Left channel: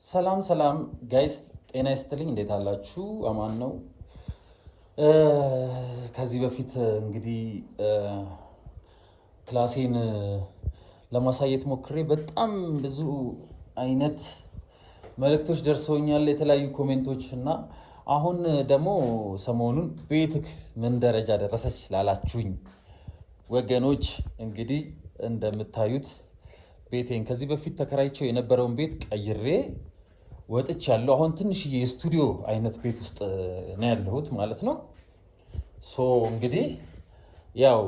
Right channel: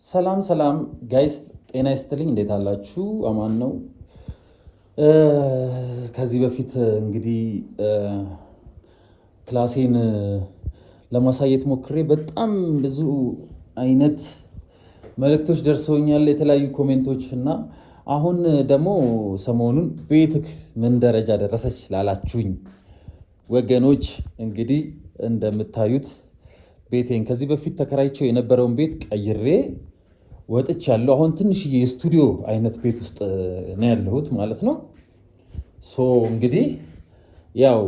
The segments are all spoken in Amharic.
ሰላም ጋይስ ጤና ይስጥልኝ። እንዴት አላችሁ? አማን ነው። ከዚህ በፊት እንግዲህ ክላሴን ለማሳየት ሞክሬ በጣም ብዙ አይነት መልእክቶች ደርሰውኛል፣ የተለያዩ ኮሜንቶች እና አሁን ደግሞ ሰሞኑን ቤትክ ምን ደረጃ ደረሰች ላላችሁኝ ወገኖች እንግዲህ እንደምታዩት ቤቴን ከዚህ በፊት ተከራይቸው የነበረውን ቤት ቀይሬ ወጥቻለሁ። አሁን ትንሽዬ የስቱዲዮ አይነት ቤት ውስጥ ነው ያለሁት ማለት ነው። ሶ እንግዲህ ያው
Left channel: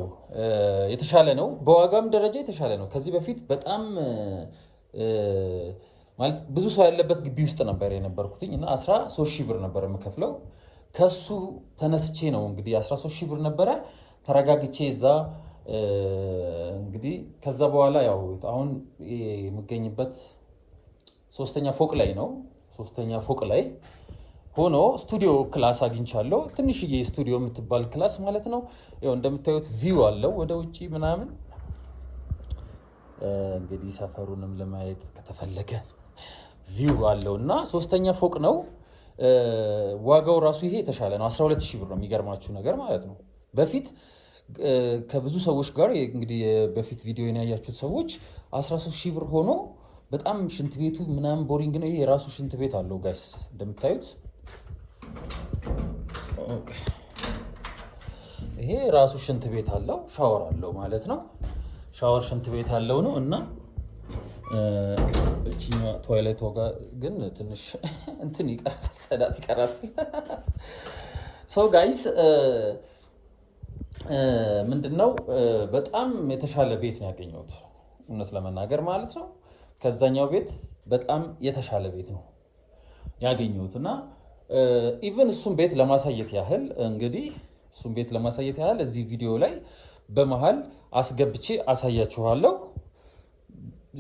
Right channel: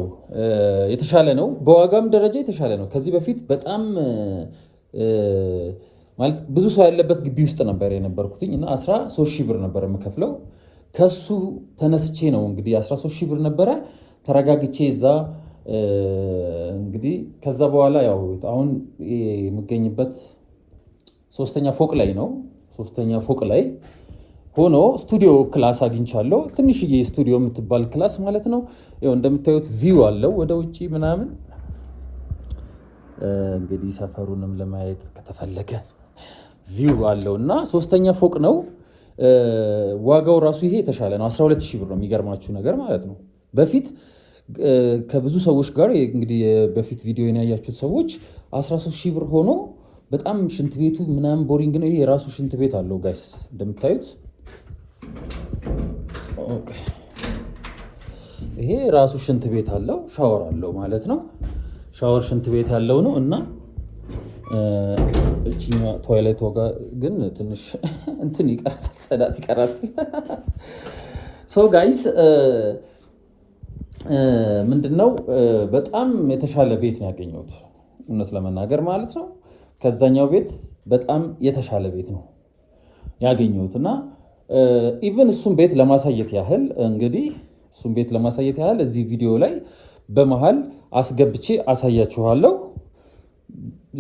የተሻለ ነው፣ በዋጋም ደረጃ የተሻለ ነው። ከዚህ በፊት በጣም ማለት ብዙ ሰው ያለበት ግቢ ውስጥ ነበር የነበርኩትኝ እና 13,000 ብር ነበር የምከፍለው። ከሱ ተነስቼ ነው እንግዲህ 13,000 ብር ነበረ ተረጋግቼ እዛ እንግዲህ ከዛ በኋላ ያው አሁን የምገኝበት ሶስተኛ ፎቅ ላይ ነው። ሶስተኛ ፎቅ ላይ ሆኖ ስቱዲዮ ክላስ አግኝቻለሁ። ትንሽዬ ስቱዲዮ የምትባል ክላስ ማለት ነው። ያው እንደምታዩት ቪው አለው ወደ ውጪ ምናምን። እንግዲህ ሰፈሩንም ለማየት ከተፈለገ ቪው አለው እና ሶስተኛ ፎቅ ነው። ዋጋው ራሱ ይሄ የተሻለ ነው። 12,000 ብር ነው የሚገርማችሁ ነገር ማለት ነው። በፊት ከብዙ ሰዎች ጋር እንግዲህ በፊት ቪዲዮ ያያችሁት ሰዎች 13,000 ብር ሆኖ በጣም ሽንት ቤቱ ምናምን ቦሪንግ ነው። ይሄ የራሱ ሽንት ቤት አለው ጋይስ እንደምታዩት። ይሄ ራሱ ሽንት ቤት አለው፣ ሻወር አለው ማለት ነው። ሻወር ሽንት ቤት አለው ነው እና እቺኛ ቶይሌት ወጋ ግን ትንሽ እንትን ይቀራል፣ ጽዳት ይቀራል። ሶ ጋይስ ምንድነው በጣም የተሻለ ቤት ነው ያገኘሁት እውነት ለመናገር ማለት ነው። ከዛኛው ቤት በጣም የተሻለ ቤት ነው ያገኘሁት እና ኢቭን እሱን ቤት ለማሳየት ያህል እንግዲህ እሱን ቤት ለማሳየት ያህል እዚህ ቪዲዮ ላይ በመሃል አስገብቼ አሳያችኋለሁ።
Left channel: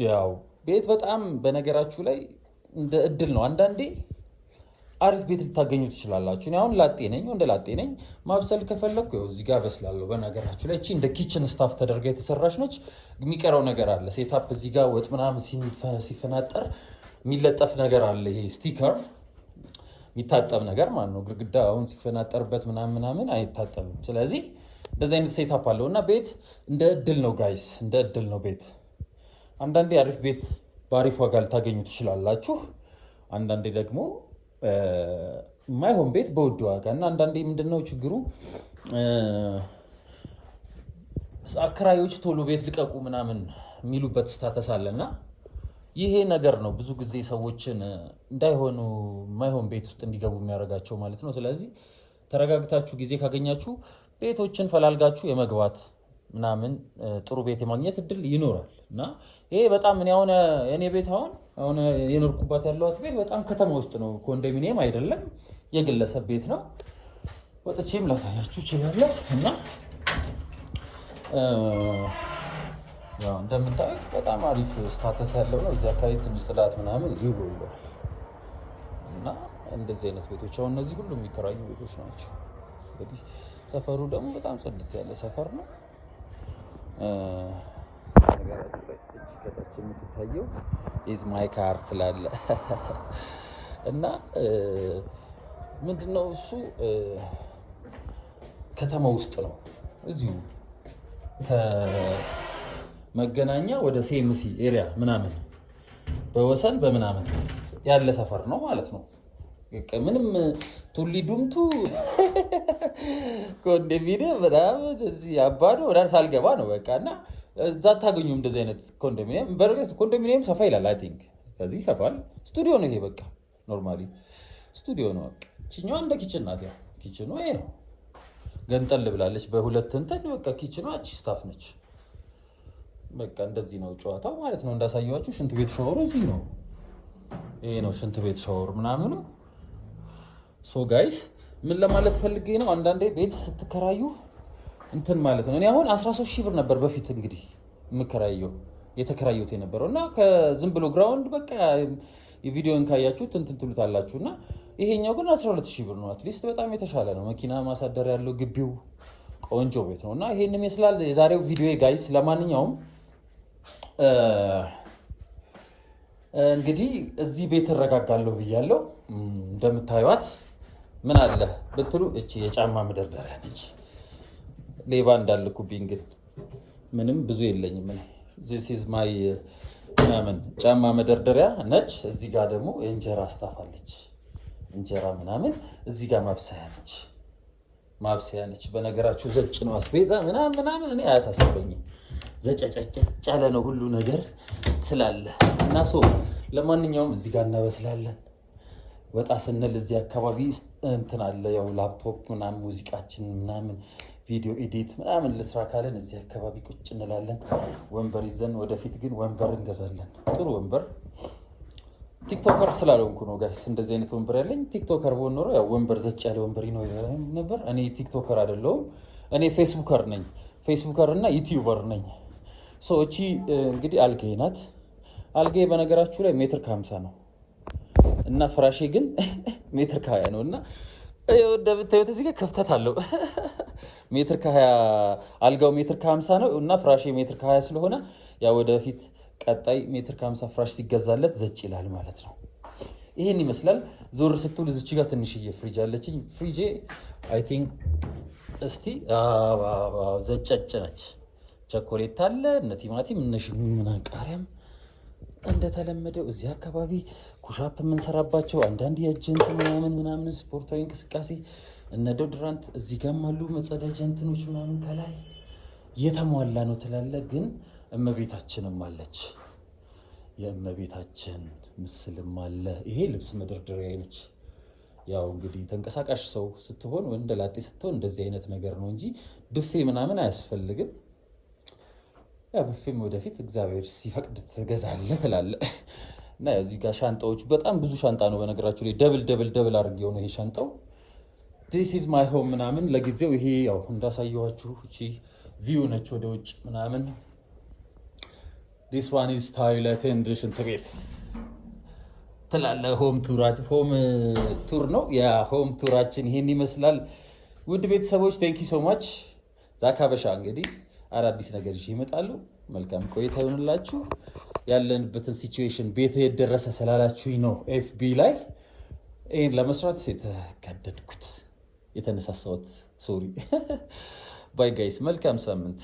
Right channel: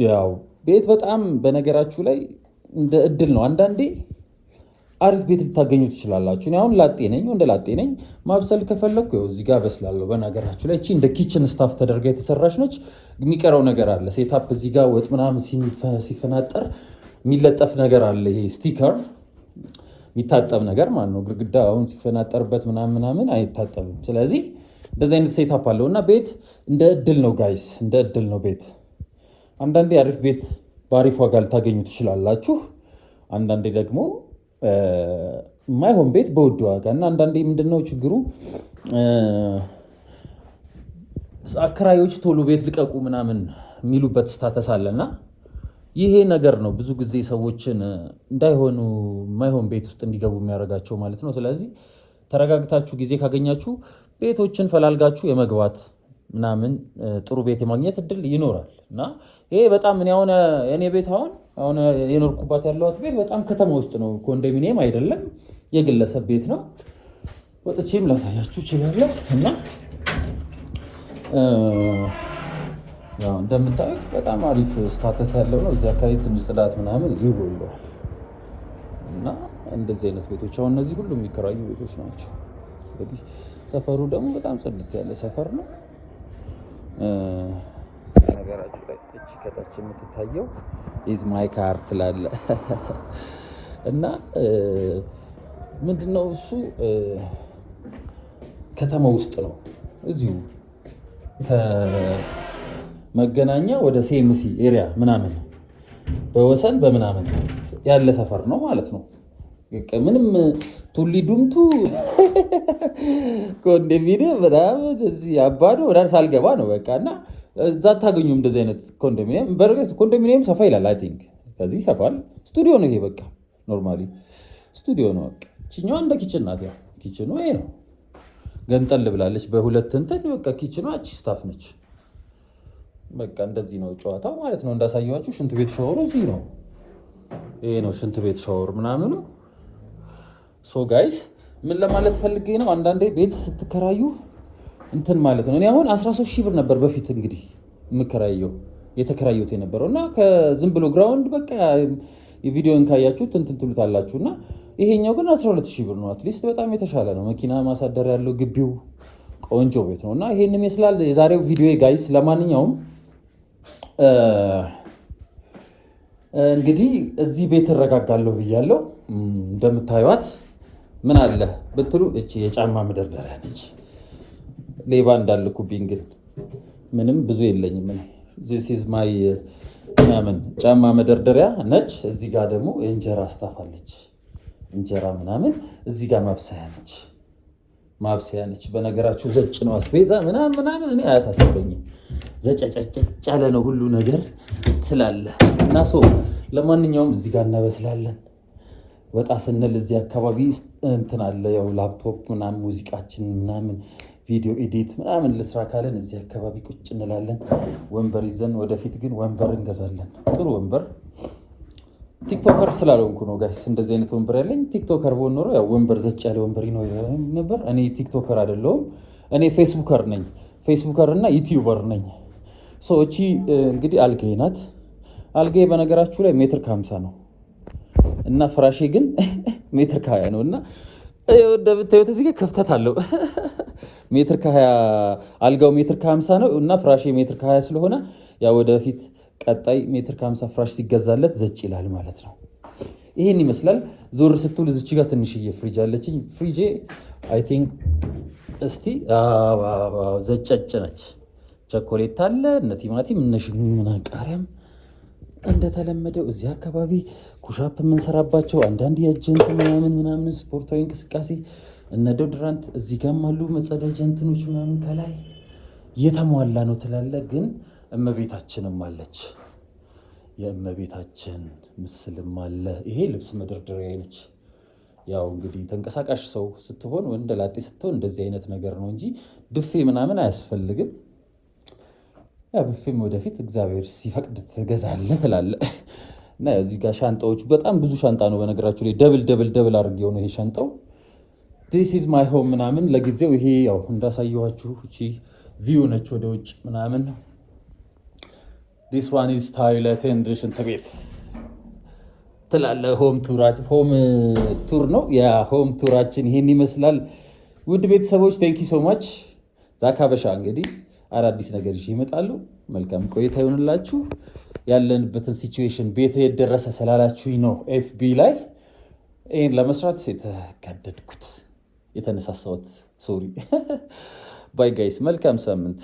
ያው ቤት በጣም በነገራችሁ ላይ እንደ እድል ነው። አንዳንዴ አሪፍ ቤት ልታገኙ ትችላላችሁ። እኔ አሁን ላጤ ነኝ፣ እንደ ላጤ ነኝ። ማብሰል ከፈለኩ ያው እዚህ ጋር በስላለሁ። በነገራችሁ ላይ እቺ እንደ ኪችን ስታፍ ተደርጋ የተሰራች ነች። የሚቀረው ነገር አለ። ሴታፕ እዚህ ጋር ወጥ ምናምን ሲፈናጠር የሚለጠፍ ነገር አለ። ይሄ ስቲከር የሚታጠብ ነገር ማለት ነው። ግድግዳ አሁን ሲፈናጠርበት ምናምን አይታጠብም። ስለዚህ እንደዚህ አይነት ሴታፕ አለው እና ቤት እንደ እድል ነው ጋይስ፣ እንደ እድል ነው ቤት። አንዳንዴ አሪፍ ቤት በአሪፍ ዋጋ ልታገኙ ትችላላችሁ። አንዳንዴ ደግሞ የማይሆን ቤት በውድ ዋጋ እና አንዳንዴ ምንድነው ችግሩ አከራዮች ቶሎ ቤት ልቀቁ ምናምን የሚሉበት ስታተስ አለና ይሄ ነገር ነው ብዙ ጊዜ ሰዎችን እንዳይሆኑ የማይሆን ቤት ውስጥ እንዲገቡ የሚያደርጋቸው ማለት ነው። ስለዚህ ተረጋግታችሁ ጊዜ ካገኛችሁ ቤቶችን ፈላልጋችሁ የመግባት ምናምን ጥሩ ቤት የማግኘት እድል ይኖራል እና ይሄ በጣም እኔ ቤት አሁን የኖርኩባት ያለዋት ቤት በጣም ከተማ ውስጥ ነው። ኮንዶሚኒየም አይደለም፣ የግለሰብ ቤት ነው። ወጥቼም ላሳያችሁ እችላለሁ እና እንደምታዩት በጣም አሪፍ ስታተስ ያለው ነው። እዚህ አካባቢ ትንሽ ጽዳት ምናምን ይጎለዋል እና እንደዚህ አይነት ቤቶች አሁን እነዚህ ሁሉ የሚከራዩ ቤቶች ናቸው። እንግዲህ ሰፈሩ ደግሞ በጣም ጽድት ያለ ሰፈር ነው። ነገራችሁ ላይ እቺ ከታች የምትታየው ኢዝ ማይ ካር ትላለ እና ምንድነው እሱ ከተማ ውስጥ ነው። እዚሁ ከመገናኛ ወደ ሴምሲ ኤሪያ ምናምን በወሰን በምናምን ያለ ሰፈር ነው ማለት ነው። ምንም ቱሊ ዱምቱ ኮንዶሚኒየም ምናምን እዚህ አባዶ ወዳን ሳልገባ ነው በቃ እና እዛ አታገኙም እንደዚህ አይነት ኮንዶሚኒየም። በርግጥ ኮንዶሚኒየም ሰፋ ይላል። አይ ቲንክ ከዚህ ይሰፋል። ስቱዲዮ ነው ይሄ በቃ ኖርማሊ ስቱዲዮ ነው። በቃ እቺኛዋ እንደ ኪችን ናት። ያው ኪችኑ ይሄ ነው፣ ገንጠል ብላለች በሁለት እንትን በቃ ኪችኗ እቺ ስታፍ ነች። በቃ እንደዚህ ነው ጨዋታው ማለት ነው። እንዳሳየዋችሁ ሽንት ቤት ሻወሩ እዚህ ነው። ይሄ ነው ሽንት ቤት ሻወር ምናምን። ሶ ጋይስ ምን ለማለት ፈልጌ ነው፣ አንዳንዴ ቤት ስትከራዩ እንትን ማለት ነው። እኔ አሁን 13,000 ብር ነበር በፊት እንግዲህ የተከራየሁት የነበረው እና ከዝም ብሎ ግራውንድ በቃ የቪዲዮን ካያችሁት እንትን ትሉታላችሁ እና ይሄኛው ግን 12,000 ብር ነው። አትሊስት በጣም የተሻለ ነው። መኪና ማሳደር ያለው ግቢው ቆንጆ ቤት ነው እና ይሄን ይመስላል የዛሬው ቪዲዮ ጋይስ። ለማንኛውም እንግዲህ እዚህ ቤት እረጋጋለሁ ብያለሁ። እንደምታዩት ምን አለ ብትሉ እቺ የጫማ መደርደሪያ ነች። ሌባ እንዳልኩብኝ ግን ምንም ብዙ የለኝም። this is my ምናምን ጫማ መደርደሪያ ነች። እዚህ ጋር ደግሞ የእንጀራ አስታፋለች። እንጀራ ምናምን እዚህ ጋር ማብሰያ ነች። በነገራችሁ ዘጭ ነው አስቤዛ ምናምን እኔ አያሳስበኝም። ዘጨጨጨ ያለ ነው ሁሉ ነገር ስላለ እና ለማንኛውም እዚህ ጋር እናበስላለን። ወጣ ስንል እዚህ አካባቢ እንትን አለ ያው ላፕቶፕ ምናምን ሙዚቃችን ምናምን ቪዲዮ ኤዲት ምናምን ልስራ ካለን እዚህ አካባቢ ቁጭ እንላለን። ወንበር ይዘን ወደፊት ግን ወንበር እንገዛለን። ጥሩ ወንበር ቲክቶከር ስላልሆንኩ ነው ጋይስ እንደዚህ አይነት ወንበር ያለኝ። ቲክቶከር ብሆን ኖሮ ያው ወንበር ዘጭ ያለ ወንበር ይኖር ነበር። እኔ ቲክቶከር አይደለሁም። እኔ ፌስቡከር ነኝ። ፌስቡከር እና ዩቲዩበር ነኝ። እቺ እንግዲህ አልጋዬ ናት። አልጋዬ በነገራችሁ ላይ ሜትር ከ50 ነው እና ፍራሼ ግን ሜትር ከ20 ነው እና እንደምታዩት እዚህ ጋር ክፍተት አለው። ሜትር ከ20 አልጋው ሜትር ከ50 ነው እና ፍራሼ ሜትር ከ20 ስለሆነ ያው ወደፊት ቀጣይ ሜትር ከ50 ፍራሽ ሲገዛለት ዘጭ ይላል ማለት ነው። ይሄን ይመስላል። ዞር ስትሉ እዚች ጋር ትንሽዬ ፍሪጅ አለችኝ። ፍሪጄ አይ ቲንክ እስቲ ዘጨጭ ነች። ቸኮሌት አለ እነ ቲማቲም እነ ሽምና ቃሪያም እንደተለመደው እዚህ አካባቢ ኩሻፕ የምንሰራባቸው አንዳንድ የእጅ እንትን ምናምን ስፖርታዊ እንቅስቃሴ እነ ዶድራንት እዚህ ጋርም አሉ። መጸዳጃ እንትኖች ምናምን ከላይ የተሟላ ነው ትላለ። ግን እመቤታችንም አለች። የእመቤታችን ምስልም አለ። ይሄ ልብስ መደርደሪያ ነች። ያው እንግዲህ ተንቀሳቃሽ ሰው ስትሆን ወንደ ላጤ ስትሆን እንደዚህ አይነት ነገር ነው እንጂ ብፌ ምናምን አያስፈልግም። ያ ብፌም ወደፊት እግዚአብሔር ሲፈቅድ ትገዛለህ ትላለህ። እና እዚህ ጋር ሻንጣዎች በጣም ብዙ ሻንጣ ነው በነገራችሁ ላይ ደብል አድርጌው ነው ይሄ ሻንጣው። this is my home ምናምን ለጊዜው ይሄ ያው እንዳሳየኋችሁ እቺ ቪው ነች ወደ ውጭ ምናምን። this one is toilet and ሽንት ቤት ትላለ። ሆም ቱር ነው ያ ሆም ቱራችን ይሄን ይመስላል። ውድ ቤተሰቦች ቴንክ ዩ ሶ ማች። ዛካ በሻ እንግዲህ አዳዲስ ነገር ይመጣሉ። መልካም ቆይታ ይሁንላችሁ። ያለንበትን ሲቹዌሽን ቤት የደረሰ ስላላችሁኝ ነው ኤፍቢ ላይ ይሄን ለመስራት የተነሳሳሁት። ሶሪ ባይ ጋይስ፣ መልካም ሳምንት።